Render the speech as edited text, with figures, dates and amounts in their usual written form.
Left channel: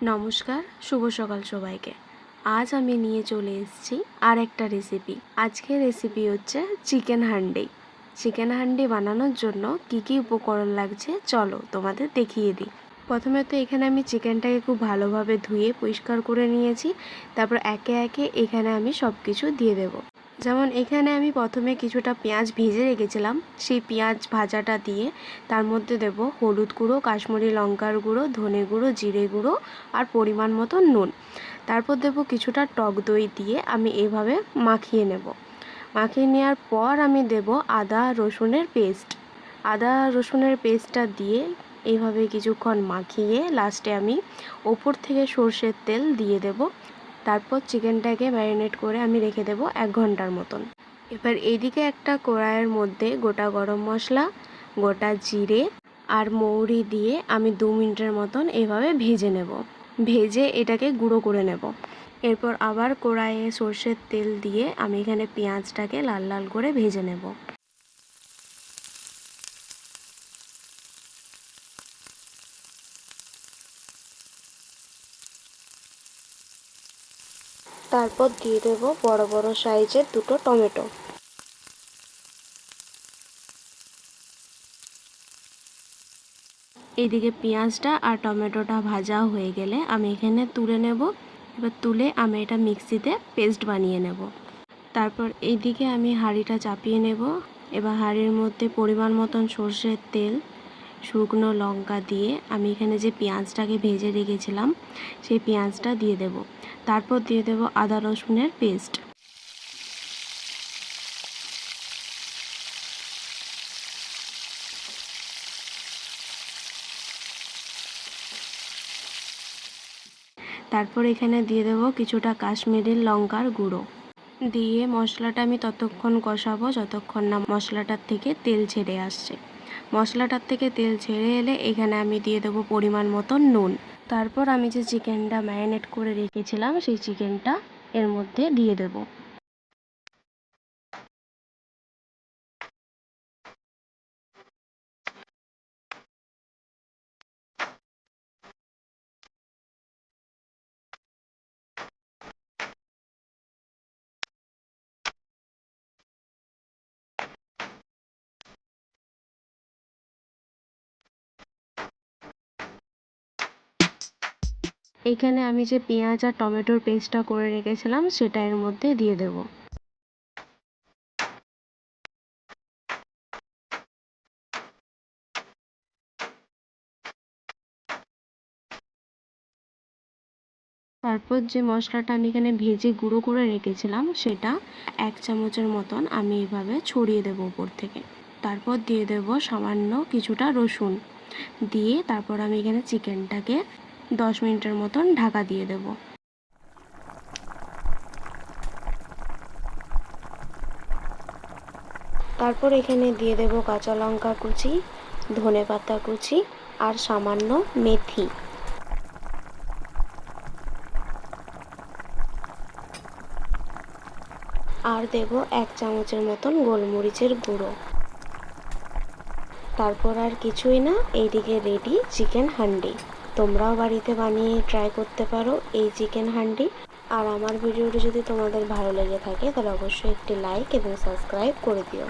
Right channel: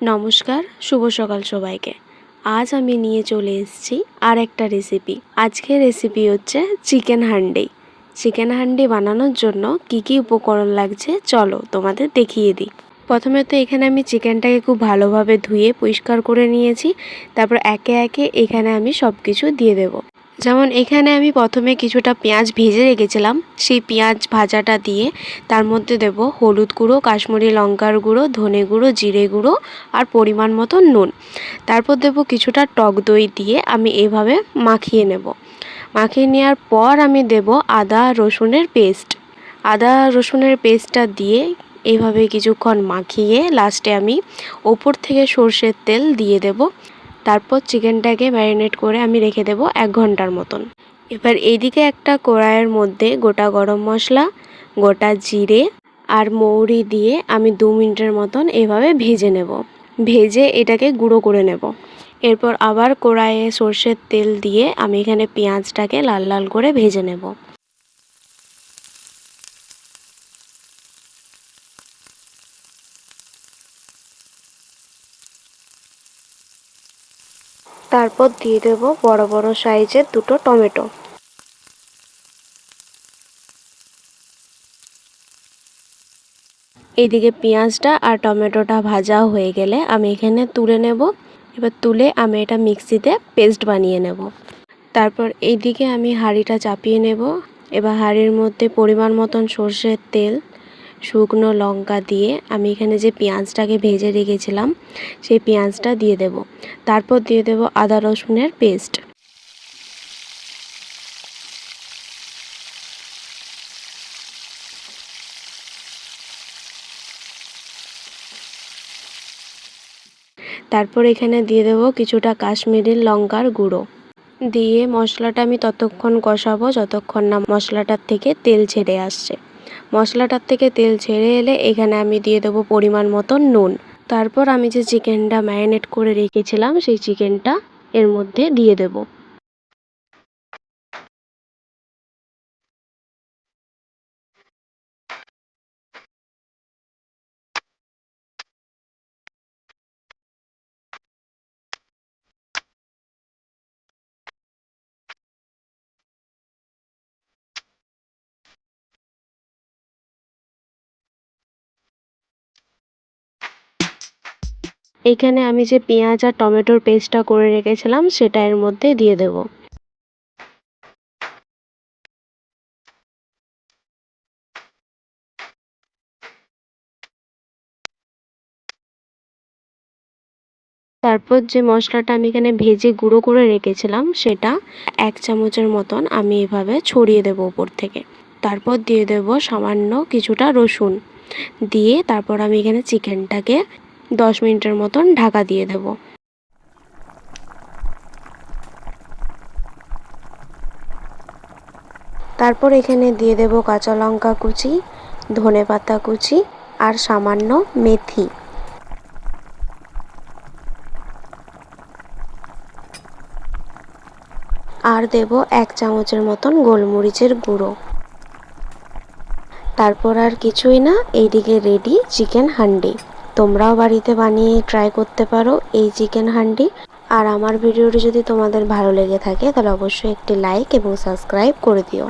নমস্কার, শুভ সকাল সবাইকে। আজ আমি নিয়ে চলে এসেছি আর একটা রেসিপি। আজকের রেসিপি হচ্ছে চিকেন হান্ডি। চিকেন হান্ডি বানানোর জন্য কি কি উপকরণ লাগছে চলো তোমাদের দেখিয়ে দিই। প্রথমে তো এখানে আমি চিকেনটাকে খুব ভালোভাবে ধুয়ে পরিষ্কার করে নিয়েছি। তারপর একে একে এখানে আমি সব কিছু দিয়ে দেবো। যেমন এখানে আমি প্রথমে কিছুটা পেঁয়াজ ভেজে রেখেছিলাম, সেই পেঁয়াজ ভাজাটা দিয়ে তার মধ্যে দেব হলুদ গুঁড়ো, কাশ্মীরি লঙ্কার গুঁড়ো, ধনে গুঁড়ো, জিরে গুঁড়ো আর পরিমাণ মতো নুন। তারপর দেব কিছুটা টক দই দিয়ে আমি এভাবে মাখিয়ে নেব। মাখিয়ে নেওয়ার পর আমি দেব আদা রসুনের পেস্ট। আদা রসুনের পেস্টটা দিয়ে এইভাবে কিছুক্ষণ মাখিয়ে লাস্টে আমি ওপর থেকে সর্ষের তেল দিয়ে দেব। তারপর চিকেনটাকে ম্যারিনেট করে আমি রেখে দেব 1 ঘন্টার মতন। এবার এইদিকে একটা কড়াইয়ের মধ্যে গোটা গরম মশলা, গোটা জিরে আর মৌরি দিয়ে আমি 2 মিনিটের মতন এভাবে ভেজে নেব। ভেজে এটাকে গুঁড়ো করে নেব। এরপর আবার কড়াইয়ে সর্ষের তেল দিয়ে আমি এখানে পেঁয়াজটাকে লাল লাল করে ভেজে নেব। তারপর দিয়ে দেব বড় বড় সাইজের 2টো টমেটো। এইদিকে পেঁয়াজটা আর টমেটোটা ভাজা হয়ে গেলে আমি এখানে তুলে নেব। এবার তুলে আমি এটা মিক্সিতে পেস্ট বানিয়ে নেব। তারপর এইদিকে আমি হাঁড়িটা চাপিয়ে নেব। এবার হাঁড়ির মধ্যে পরিমাণ মতন সর্ষের তেল, শুকনো লঙ্কা দিয়ে আমি এখানে যে পেঁয়াজটাকে ভেজে রেখেছিলাম সেই পেঁয়াজটা দিয়ে দেব। তারপর দিয়ে দেব আদা রসুনের পেস্ট। তারপর এখানে দিয়ে দেব কিছুটা কাশ্মীরি লঙ্কার গুঁড়ো। দিয়ে মশলাটা আমি ততক্ষণ কষাবো যতক্ষণ না মশলাটার থেকে তেল ছেড়ে আসছে। মশলাটার থেকে তেল ছেড়ে এলে এখানে আমি দিয়ে দেবো পরিমাণ মতো নুন। তারপর আমি যে চিকেনটা ম্যারিনেট করে রেখেছিলাম সেই চিকেনটা এর মধ্যে দিয়ে দেব। এখানে আমি যে পেঁয়াজ আর টমেটোর পেস্টটা করে রেখেছিলাম সেটা এর মধ্যে দিয়ে দেব। তারপর যে মশলাটা আমি এখানে ভেজে গুঁড়ো করে রেখেছিলাম সেটা 1 চামচের মতন আমি এভাবে ছড়িয়ে দেব উপর থেকে। তারপর দিয়ে দেব সামান্য কিছুটা রসুন। দিয়ে তারপর আমি এখানে চিকেনটাকে 10 মিনিটের মতন ঢাকা দিয়ে দেব। তারপর এখানে দিয়ে দেব কাঁচা লঙ্কা কুচি, ধনেপাতা কুচি আর সামান্য মেথি। আর দেব 1 চামচের মতন গোলমরিচের গুঁড়ো। তারপর আর কিছুই না, এইদিকে রেডি চিকেন হান্ডি। তোমরাও বাড়িতে বানিয়ে ট্রাই করতে পারো এই চিকেন হান্ডি। আর আমার ভিডিওটি যদি তোমাদের ভালো লেগে থাকে তাহলে অবশ্যই একটি লাইক এবং সাবস্ক্রাইব করে দিও।